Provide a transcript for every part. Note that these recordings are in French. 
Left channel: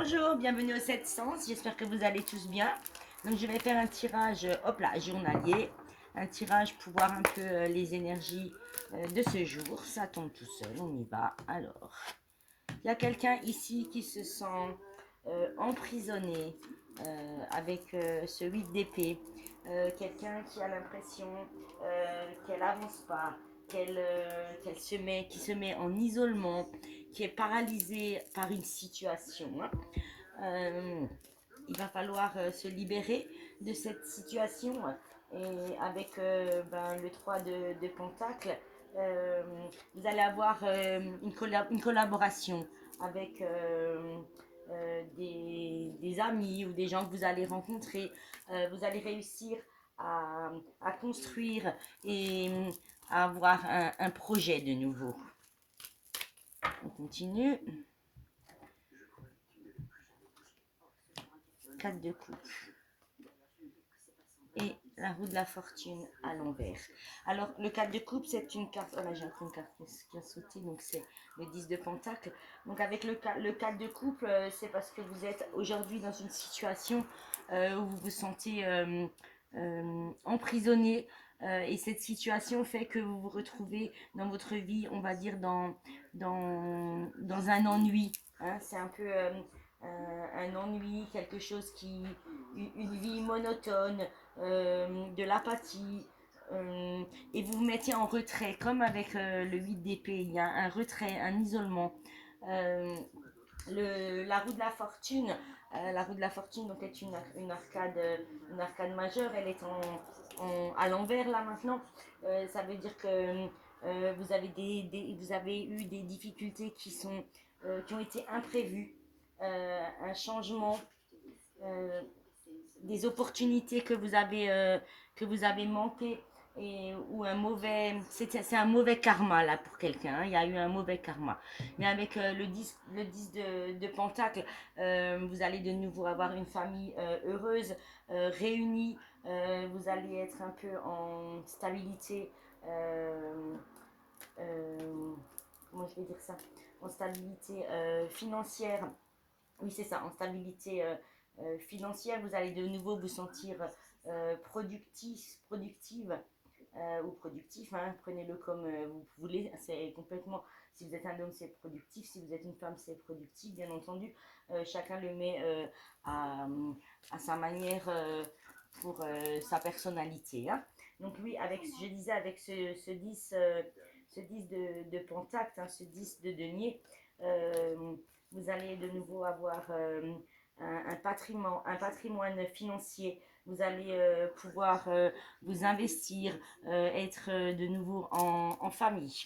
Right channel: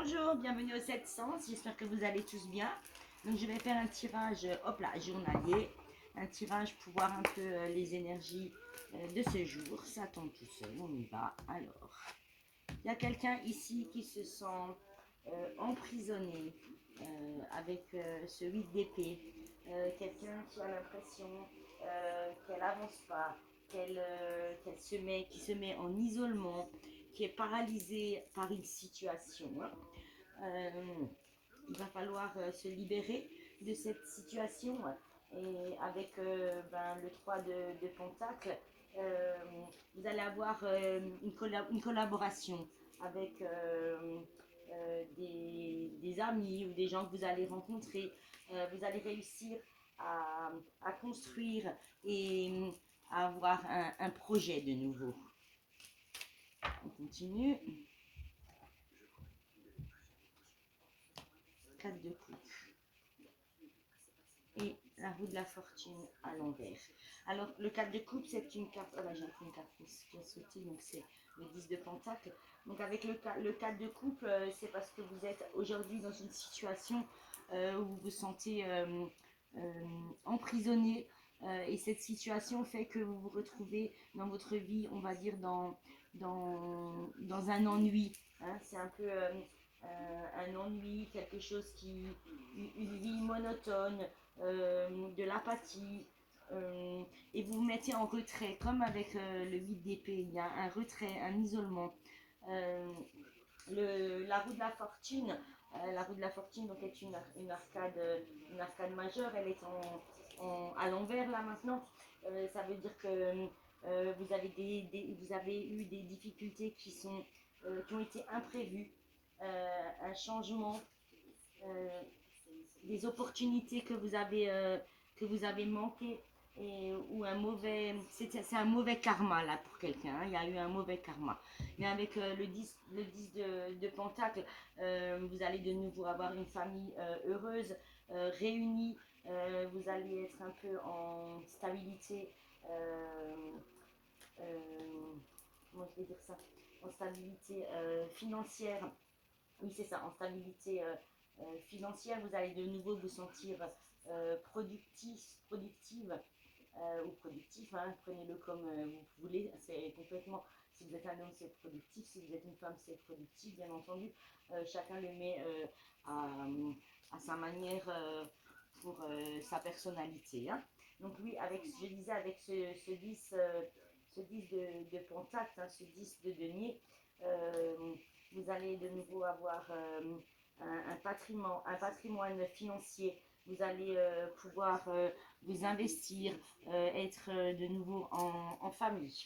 Bonjour, bienvenue au 7 Sens, j'espère que vous allez tous bien. Donc je vais faire un tirage, hop là, journalier, un tirage pour voir un peu les énergies de ce jour. Ça tombe tout seul, on y va. Alors, il y a quelqu'un ici qui se sent emprisonné avec ce 8 d'épée. Quelqu'un qui a l'impression qu'elle avance pas, qui se met en isolement, qui est paralysé par une situation. Euh, il va falloir se libérer de cette situation. Et avec le 3 de Pentacle, euh, vous allez avoir une collaboration avec des amis ou des gens que vous allez rencontrer. Vous allez réussir à, à construire et à avoir un projet de nouveau. On continue. 4 de coupe et la roue de la fortune à l'envers. Alors, le 4 de coupe, c'est une carte. Oh là, j'ai une carte qui a sauté, donc c'est le 10 de pentacle. Donc, avec le 4 de coupe, c'est parce que vous êtes aujourd'hui dans une situation où vous vous sentez emprisonné. Et cette situation fait que vous vous retrouvez dans votre vie, on va dire, dans un ennui. Hein. C'est un peu un ennui, quelque chose qui. Une vie monotone, de l'apathie, et vous vous mettez en retrait, comme avec le 8 d'épée, il y a un retrait, un isolement. Euh, la roue de la fortune, la roue de la fortune donc est une arcade majeure, elle est à l'envers là maintenant. Ça veut dire que vous avez vous avez eu des difficultés qui ont été imprévues, un changement, euh, des opportunités que vous avez manqué, et ou un mauvais, c'est un mauvais karma là pour quelqu'un, hein. Il y a eu un mauvais karma, mais avec le 10 de pentacle, vous allez de nouveau avoir une famille heureuse, réunie. Vous allez être un peu en stabilité, euh, comment je vais dire ça, en stabilité financière. Oui, c'est ça, en stabilité financière. Vous allez de nouveau vous sentir productive, ou productif, hein. Prenez-le comme vous voulez. C'est complètement, si vous êtes un homme, c'est productif. Si vous êtes une femme, c'est productif, bien entendu. Chacun le met à sa manière, pour sa personnalité. Hein. Donc oui, je disais, avec ce 10, ce 10 de pentacle, hein, ce 10 de denier, euh, vous allez de nouveau avoir un patrimoine financier. Vous allez pouvoir vous investir, être de nouveau en famille.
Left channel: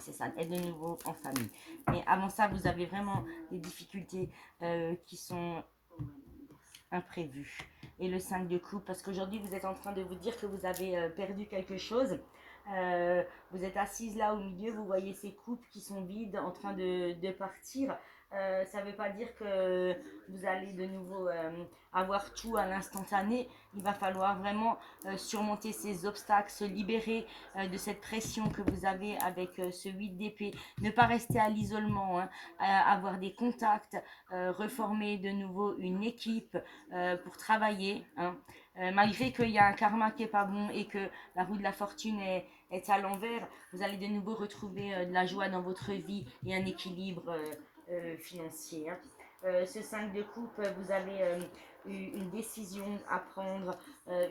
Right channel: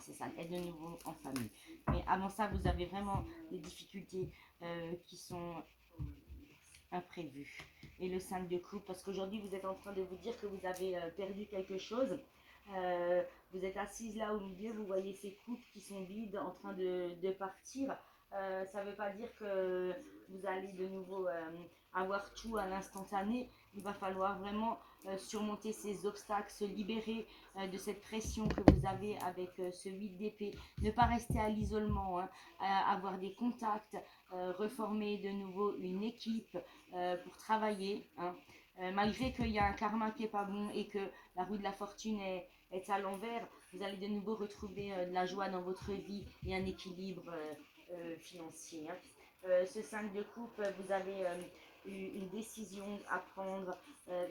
C'est ça, être de nouveau en famille. Mais avant ça, vous avez vraiment des difficultés qui sont imprévues. Et le 5 de coupe, parce qu'aujourd'hui, vous êtes en train de vous dire que vous avez perdu quelque chose. Vous êtes assise là au milieu, vous voyez ces coupes qui sont vides, en train de partir. Ça ne veut pas dire que vous allez de nouveau avoir tout à l'instantané. Il va falloir vraiment surmonter ces obstacles, se libérer de cette pression que vous avez avec ce 8 d'épée. Ne pas rester à l'isolement, hein, avoir des contacts, reformer de nouveau une équipe pour travailler. Hein. Malgré qu'il y a un karma qui est pas bon et que la roue de la fortune est à l'envers, vous allez de nouveau retrouver de la joie dans votre vie et un équilibre financier. Hein. Ce 5 de coupe, vous avez eu une décision à prendre,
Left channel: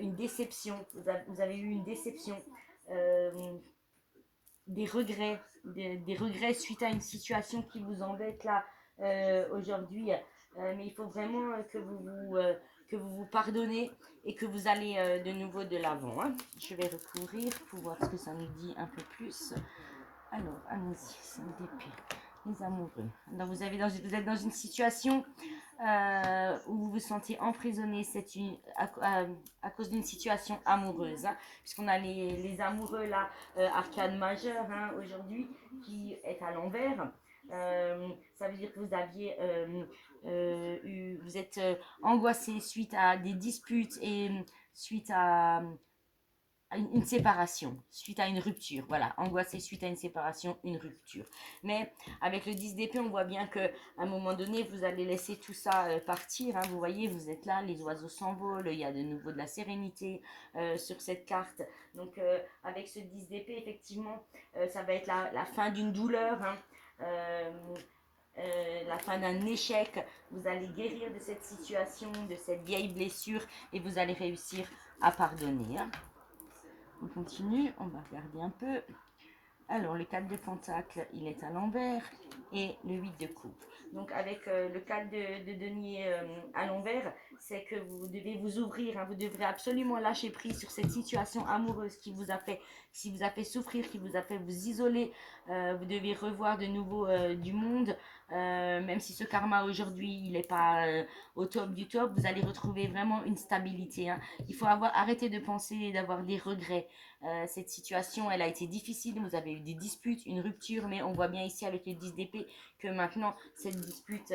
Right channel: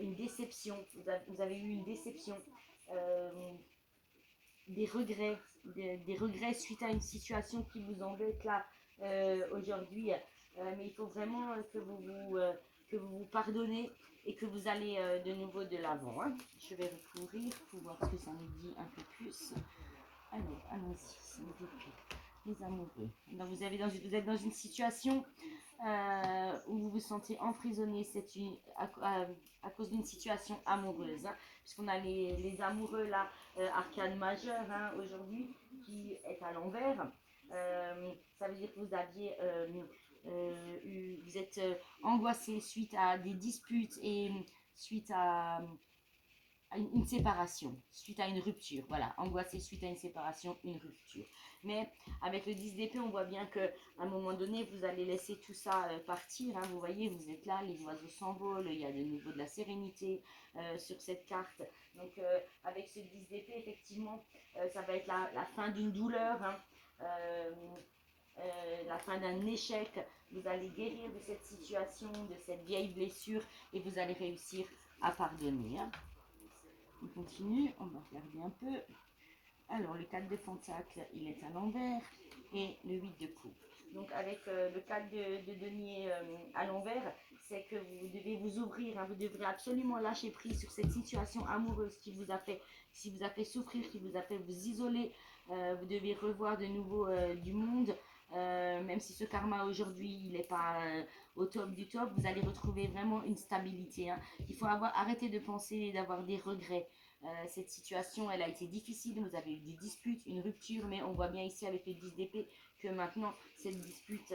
une déception. Vous avez eu une déception, euh, des regrets, des regrets suite à une situation qui vous embête là aujourd'hui. Mais il faut vraiment que vous vous pardonnez et que vous allez de nouveau de l'avant. Hein. Je vais recourir pour voir ce que ça nous dit un peu plus. Alors, allons-y, c'est les amoureux. Donc vous êtes dans une situation où vous vous sentez emprisonné, à cause d'une situation amoureuse. Hein, puisqu'on a les amoureux là, arcane majeure, hein, aujourd'hui, qui est à l'envers. Ça veut dire que vous aviez vous êtes angoissé suite à des disputes et suite une séparation, suite à une rupture. Voilà, angoissé suite à une séparation, une rupture. Mais avec le 10 d'épée, on voit bien qu'à un moment donné, vous allez laisser tout ça partir. Hein. Vous voyez, vous êtes là, les oiseaux s'envolent, il y a de nouveau de la sérénité sur cette carte. Donc avec ce 10 d'épée, effectivement, ça va être la fin d'une douleur. Hein. La fin d'un échec, vous allez guérir de cette situation, de cette vieille blessure et vous allez réussir à pardonner. Hein. On continue, on va regarder un peu. Alors, le 4 de pentacle, il est à l'envers et le 8 de coupe. Donc, avec le 4 de denier à l'envers, c'est que vous devez vous ouvrir. Hein, vous devrez absolument lâcher prise sur cette situation amoureuse qui vous a fait souffrir, qui vous a fait vous isoler. Vous devez revoir de nouveau du monde. Même si ce karma aujourd'hui, il n'est pas au top du top, vous allez retrouver vraiment une stabilité. Hein. Il faut arrêter de penser et d'avoir des regrets. Cette situation, elle a été difficile, vous avez eu des disputes, une rupture, mais on voit bien ici avec le 10 d'épée que maintenant cette dispute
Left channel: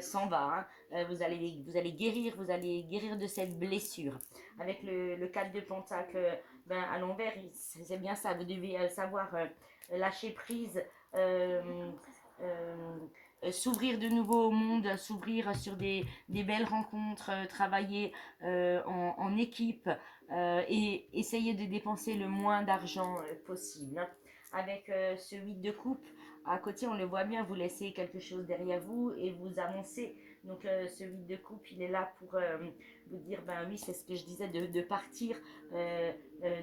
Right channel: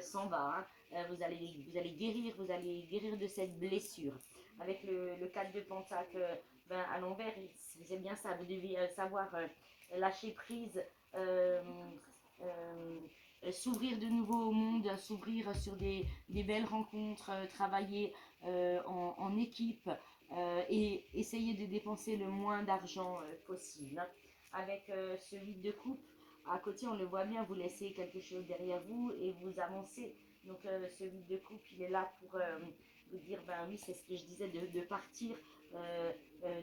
s'en va. Hein. Vous allez guérir de cette blessure. Avec le 4 de pentacle à l'envers, c'est bien ça, vous devez savoir lâcher prise, s'ouvrir de nouveau au monde, s'ouvrir sur des belles rencontres, travailler en équipe et essayer de dépenser le moins d'argent possible. Hein. Avec ce 8 de coupe, à côté on le voit bien, vous laissez quelque chose derrière vous et vous avancez. Donc ce 8 de coupe, il est là pour vous dire, ben oui, c'est ce que je disais, de partir,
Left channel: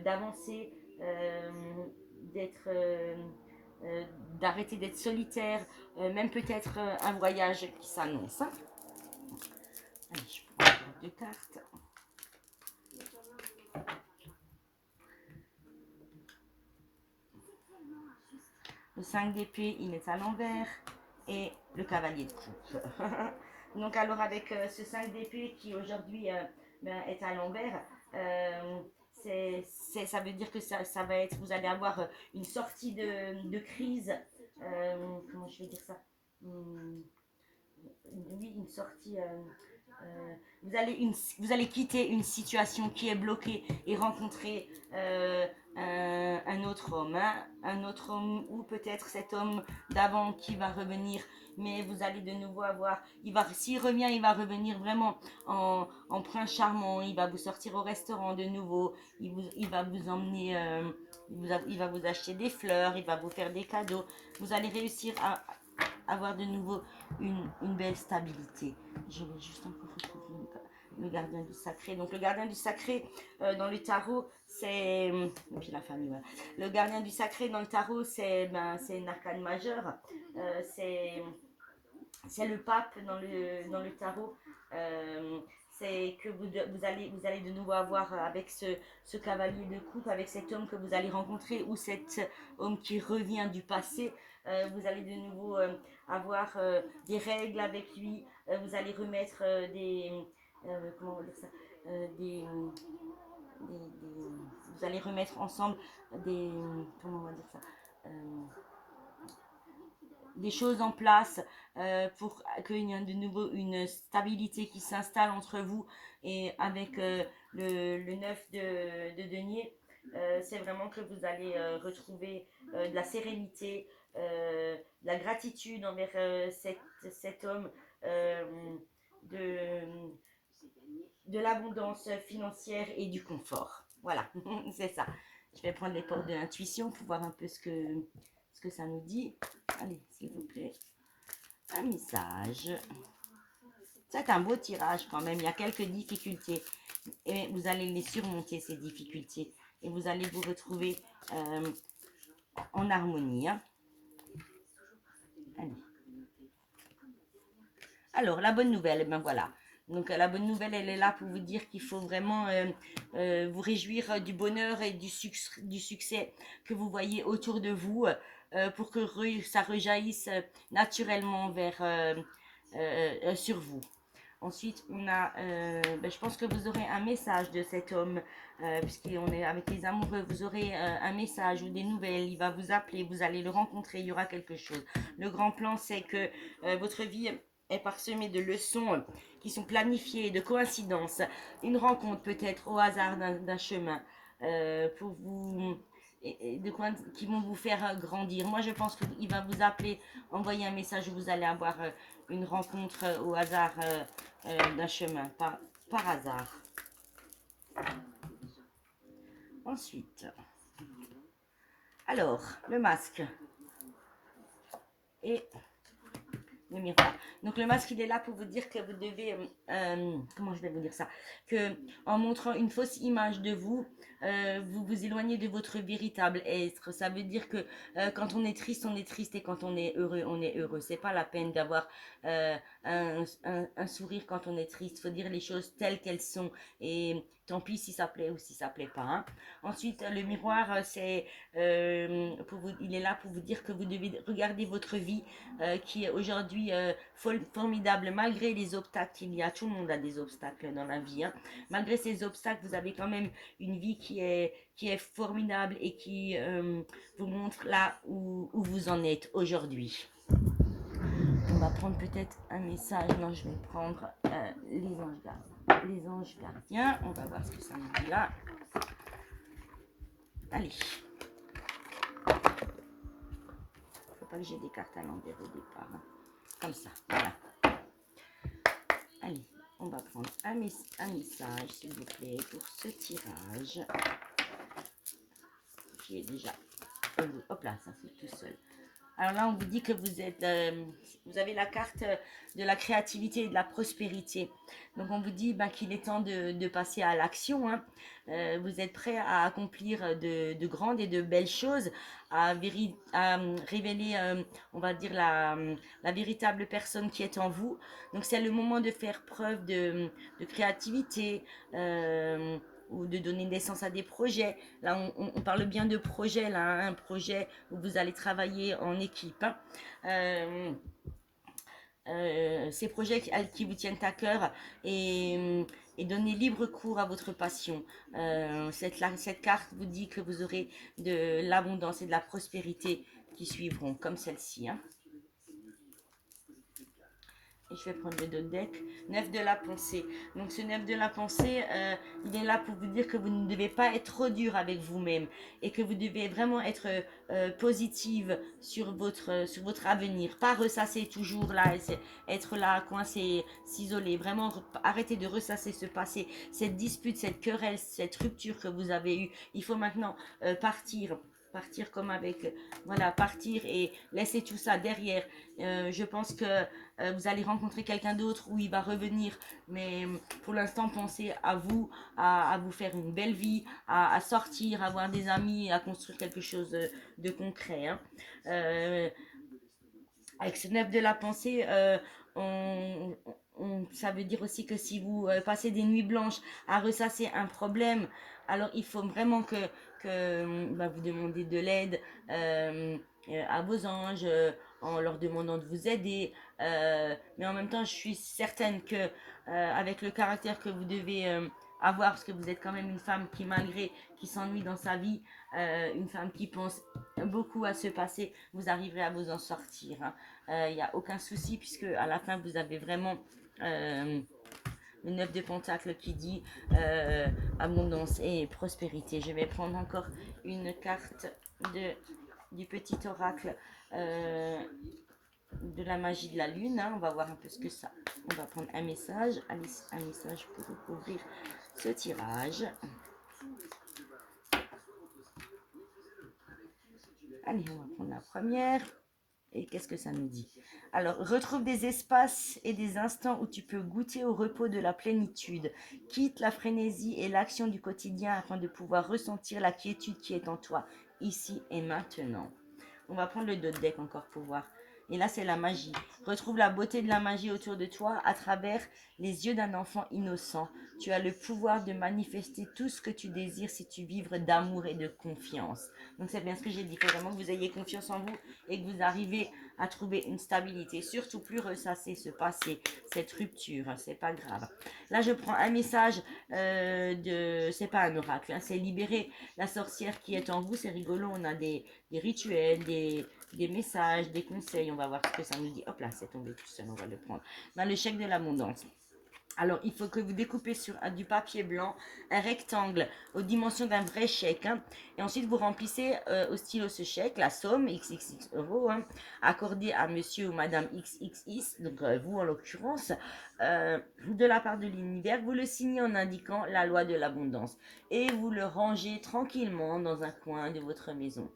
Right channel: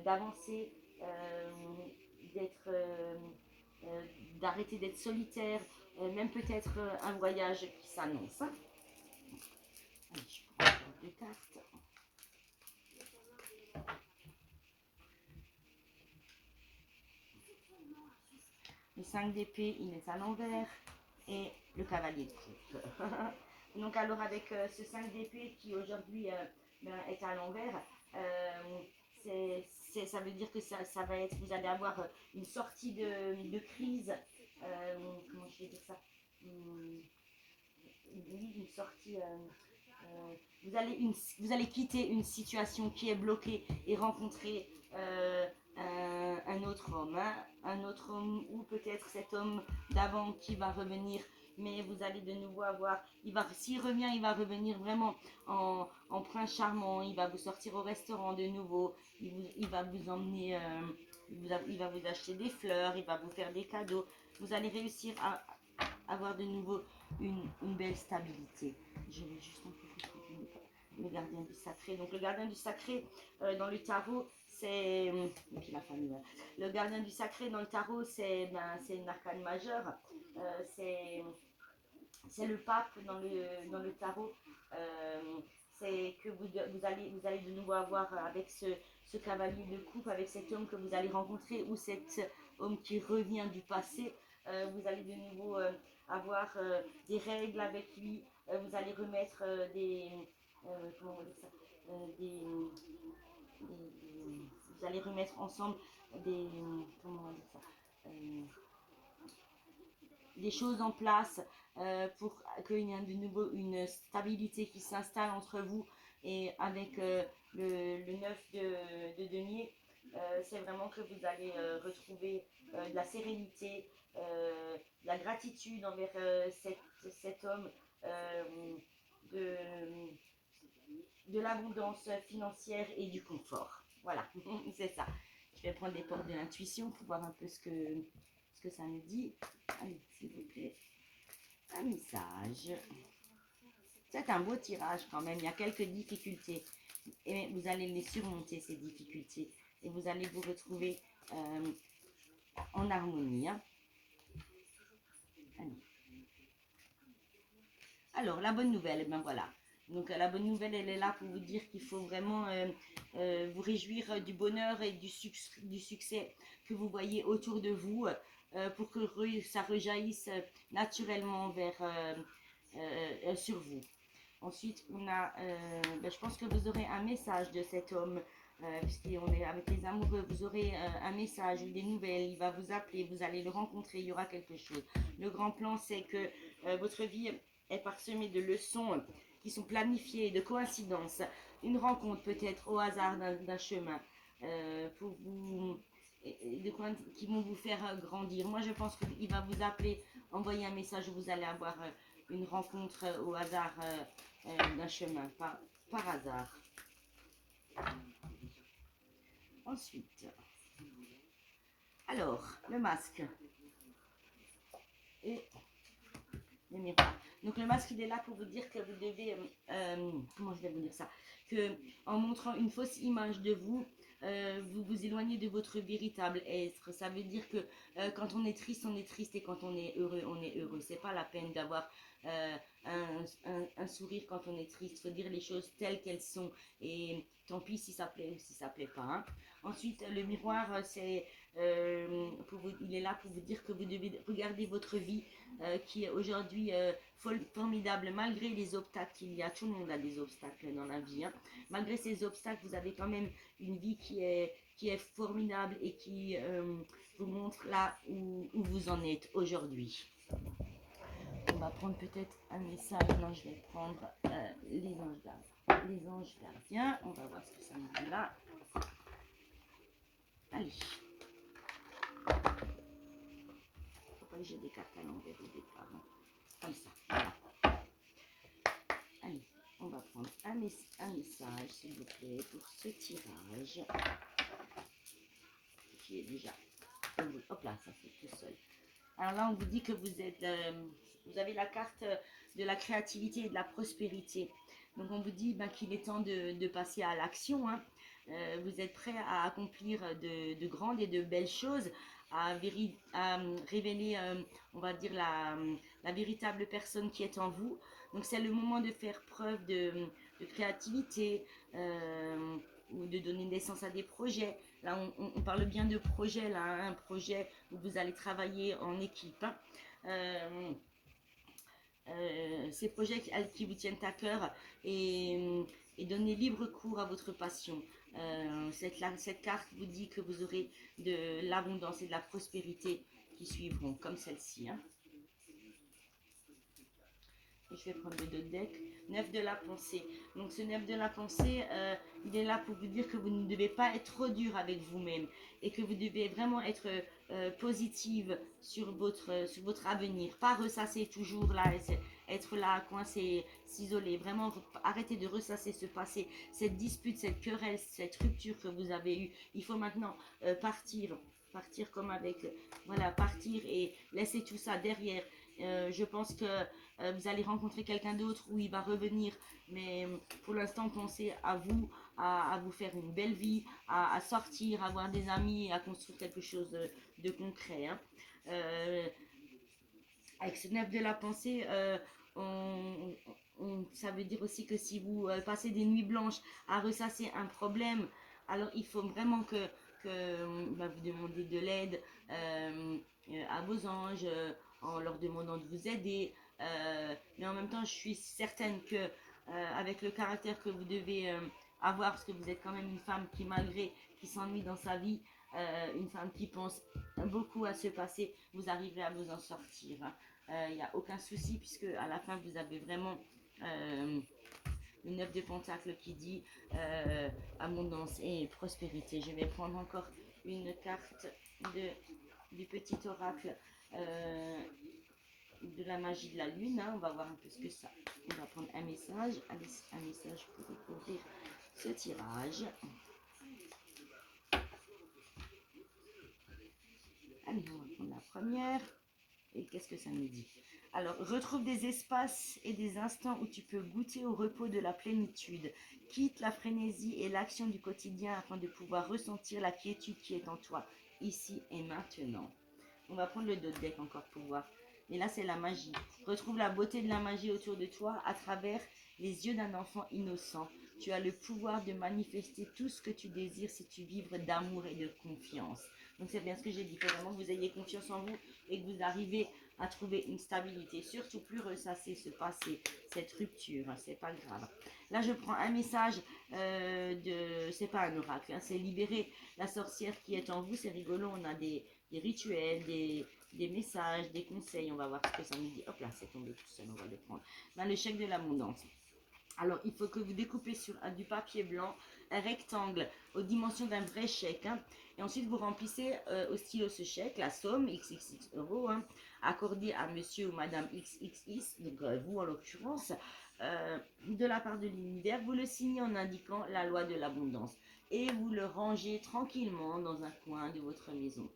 d'avancer, d'être... d'arrêter d'être solitaire, même peut-être un voyage qui s'annonce. Hein. Allez, je prends encore 2 cartes. Le 5 d'épée, il est à l'envers et le cavalier de coupe. Donc alors avec ce 5 d'épée qui aujourd'hui est à l'envers, ça veut dire que ça va être, vous allez avoir une sortie de crise, comment je vais dire ça, une sortie, vous allez quitter une situation qui est bloquée et rencontrer un autre homme, hein, un autre homme ou peut-être cet homme d'avant qui va revenir, mais vous allez de nouveau avoir, s'il revient, il va revenir vraiment en prince charmant, il va vous sortir au restaurant de nouveau, il va vous emmener, il va vous acheter des fleurs, il va vous faire des cadeaux, vous allez réussir à avoir de nouveau une belle stabilité. Je vais juste encore retrouver le gardien du sacré. Donc le gardien du sacré dans le tarot, c'est... Et puis la famille, voilà. Le gardien du sacré dans le tarot, c'est une arcane majeure. C'est le pape dans le tarot. C'est que vous allez de nouveau avoir avec ce cavalier de coupe, avec cet homme que vous allez rencontrer ou cet homme qui revient du passé. Vous allez de nouveau avoir des règles avec lui. Vous allez remettre comment on va dire ça, vous allez remettre ensemble comment on va dire ça, des choses en place pour qu'il y ait de nouveau une stabilité qui s'installe entre vous et avec le 9 de denier, c'est vraiment que vous allez retrouver de la sérénité, de la gratitude envers cet homme, de, de l'abondance financière et du confort. Voilà, c'est ça. Je vais prendre les portes de l'intuition pour voir un peu ce que ça nous dit. Allez, s'il vous plaît. Un message. C'est un beau tirage quand même. Il y a quelques difficultés. Et vous allez les surmonter, ces difficultés. Et vous allez vous retrouver en harmonie. Hein. Allez. Alors, la bonne nouvelle, ben voilà. Donc, la bonne nouvelle, elle est là pour vous dire qu'il faut vraiment vous réjouir du bonheur et du succès que vous voyez autour de vous pour que ça rejaillisse naturellement sur vous. Ensuite, on a, je pense que vous aurez un message de cet homme, puisqu'on est avec les amoureux, vous aurez un message ou des nouvelles, il va vous appeler, vous allez le rencontrer, il y aura quelque chose. Le grand plan, c'est que votre vie est parsemée de leçons qui sont planifiées, de coïncidences, une rencontre peut-être au hasard d'un chemin. pour vous, qui vont vous faire grandir. Moi, je pense qu'il va vous appeler, envoyer un message où vous allez avoir une rencontre au hasard d'un chemin, par hasard. Ensuite, alors, le masque et le miroir. Donc le masque, il est là pour vous dire que vous devez, comment je vais vous dire ça, que en montrant une fausse image de vous, vous vous éloignez de votre véritable être. Ça veut dire que quand on est triste et quand on est heureux, on est heureux. C'est pas la peine d'avoir un sourire quand on est triste. Il faut dire les choses telles qu'elles sont et tant pis si ça plaît ou si ça plaît pas. Hein. Ensuite, le miroir, il est là pour vous dire que vous devez regarder votre vie qui est aujourd'hui formidable malgré les obstacles qu'il y a. Tout le monde a des obstacles dans la vie. Hein. Malgré ces obstacles, vous avez quand même une vie qui est formidable et qui vous montre là où vous en êtes aujourd'hui. On va prendre peut-être un message. Non, je vais prendre les anges gardiens. Les anges gardiens. On va voir ce que ça nous dit là. Allez. Faut pas que j'ai des cartes à l'envers au départ. Hein. Comme ça. Voilà. Allez, on va prendre un message, s'il vous plaît, pour ce tirage. Qui est déjà... Hop là, ça fait tout seul. Alors là, on vous dit que vous avez la carte de la créativité et de la prospérité. Donc on vous dit qu'il est temps de passer à l'action. Hein. Vous êtes prêt à accomplir de grandes et de belles choses, à révéler, on va dire, la véritable personne qui est en vous. Donc c'est le moment de faire preuve de créativité, ou de donner naissance à des projets. Là, on parle bien de projet, là, hein, un projet où vous allez travailler en équipe. Hein. Ces projets qui vous tiennent à cœur et donner libre cours à votre passion. Cette carte vous dit que vous aurez de l'abondance et de la prospérité qui suivront, comme celle-ci. Hein. Et je vais prendre le dos de deck. 9 de la pensée. Donc ce 9 de la pensée, il est là pour vous dire que vous ne devez pas être trop dur avec vous-même et que vous devez vraiment être positive sur votre avenir. Pas ressasser toujours là, être là, coincé, s'isoler. Vraiment arrêter de ressasser ce passé, cette dispute, cette querelle, cette rupture que vous avez eue. Il faut maintenant partir comme avec, voilà, partir et laisser tout ça derrière. Je pense que vous allez rencontrer quelqu'un d'autre où il va revenir, mais pour l'instant pensez à vous, à vous faire une belle vie, à sortir, à avoir des amis, à construire quelque chose de concret. Hein. Avec ce 9 de la pensée, ça veut dire aussi que si vous passez des nuits blanches à ressasser un problème, alors il faut vraiment que vous demandez de l'aide à vos anges en leur demandant de vous aider. Mais en même temps, je suis certaine que avec le caractère que vous devez avoir, parce que vous êtes quand même une femme qui s'ennuie dans sa vie, une femme qui pense beaucoup à ce passé, vous arriverez à vous en sortir. Il n'y a aucun souci puisque à la fin vous avez vraiment le 9 de Pentacle qui dit abondance et prospérité. Je vais prendre encore une carte du petit oracle de la magie de la lune. Hein. On va voir un peu ce que ça. On va prendre un message. Allez, un message pour ouvrir ce tirage. Allez, on va prendre la première. Et qu'est-ce que ça nous dit? Alors, retrouve des espaces et des instants où tu peux goûter au repos de la plénitude. Quitte la frénésie et l'action du quotidien afin de pouvoir ressentir la quiétude qui est en toi, ici et maintenant. On va prendre le dos de deck encore pour voir. Et là, c'est la magie. Retrouve la beauté de la magie autour de toi à travers les yeux d'un enfant innocent. Tu as le pouvoir de manifester tout ce que tu désires si tu vibres d'amour et de confiance. Donc, c'est bien ce que j'ai dit. Il faut vraiment que vous ayez confiance en vous et que vous arrivez à trouver une stabilité. Surtout plus ressasser ce passé, cette rupture. C'est pas grave. Là, je prends un message c'est pas un oracle, hein, c'est libérer la sorcière qui est en vous. C'est rigolo. On a des rituels, des messages, des conseils. On va voir ce que ça nous dit. Hop là, c'est tombé tout seul. On va le prendre. Dans le chèque de l'abondance. Alors, il faut que vous découpez sur du papier blanc un rectangle aux dimensions d'un vrai chèque. Hein. Et ensuite, vous remplissez au stylo ce chèque, la somme, XXX euros, hein, accordée à monsieur ou madame XXX, donc vous en l'occurrence, de la part de l'univers. Vous le signez en indiquant la loi de l'abondance. Et vous le rangez tranquillement dans un coin de votre maison.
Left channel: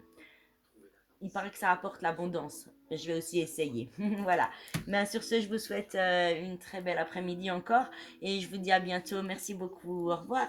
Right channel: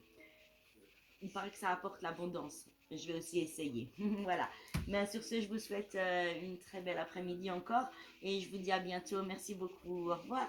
Il paraît que ça apporte l'abondance. Je vais aussi essayer. Voilà. Ben, sur ce, je vous souhaite une très belle après-midi encore et je vous dis à bientôt. Merci beaucoup. Au revoir.